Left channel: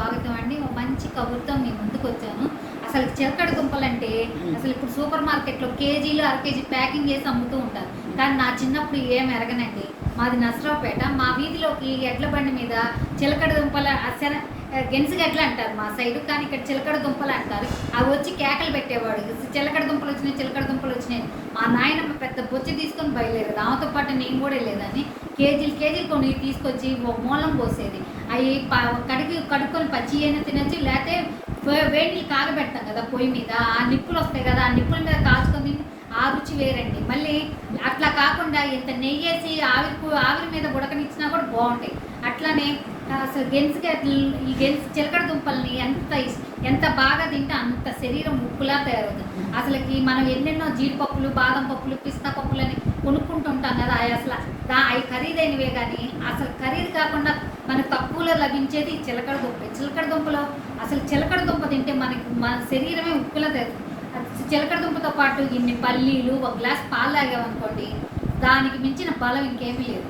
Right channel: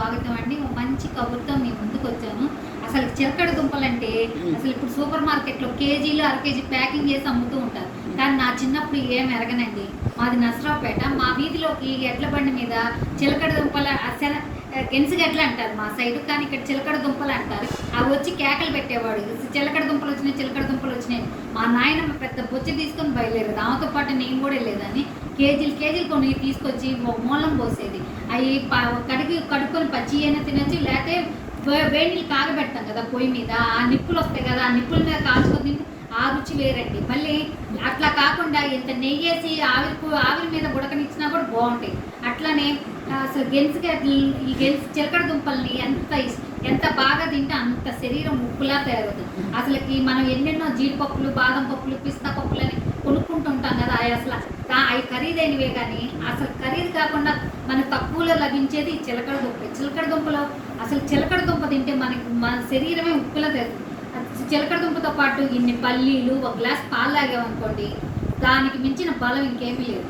స్వాగతం అండి. ఒక మంచి కబుర్తో మేము ముందుకు వచ్చాము. అసలు చిలకడ దుంపలు అంటే అసలు ఇప్పుడు సూపర్ మార్కెట్లో కేజీలు అర కేజీ ప్యాకింగ్ చేసి అమ్ముతూ ఉంటారు. కానీ నా చిన్నప్పుడు ఏం ఎరగనండి. మాది నసరావుపేట మా వీధిలోకి ఎడ్ల బండి మీద చిలకడ దుంపల అసలు గెన్సిగడ్లు అంటారు. మా సైడ్ కానీ ఇక్కడ చిలకడ దుంపలు అంటారు. అవి వచ్చి కేకలు పెట్టేవాడు. చిలకడ దుంపలు వచ్చినాయి చిలకడ దుంపలు వచ్చినాయి. మా నాయనమ్మ పెద్ద బొచ్చ తీసుకొని బయలుదేరేది ఆమెతో పాటు నేను కూడా లేదని కేజీలు కేజీలు కొన్ని తీసుకొచ్చి మూలం పోసేది. అవి కడిగి కడుక్కొని పచ్చి అయినా తినచ్చు లేకపోతే వే- వేడి నీళ్ళు కాగబెడతాం కదా పొయ్యి మీద. ఆ నిప్పులు వస్తాయి కదా ఆ నిప్పుల మీద కాల్చుకొని ఆ రుచి వేరండి. మళ్ళీ అట్లా కాకుండా ఇంత నెయ్యేసి ఆవిరి ఆవిరి మీద ఉడకనిచ్చినా కూడా బాగుంటాయి. అట్లానే అసలు గెలుసుగా ఈ గెలుసు చిలకడ దుంపల్ని ఎంత ఎంత బాగా తింటే అంత శరీరం ఉప్పులా తయారవుతుంది. అసలుకి మనం ఎన్నెన్నో జీడిపప్పులు బాదం పప్పులు పిస్తా పప్పులు అన్నది? అసలు అవి ఖరీదైనవే కానీ అసలు ఖరీదు కాకుండా మనకు తక్కువలో లభించేది చిలకడ దుంప చిలకడ దుంపలో అసలు చిలకడ దుంప తింటే మనకి మన శరీరమే ఉప్పులో తయారు. చిలకడ దుంపతో పాటు ఇన్ని పల్లీలు ఒక గ్లాస్ పాలు తాగామనుకోండి దానికి మించిన బలం ఇంకేమీ లేదు.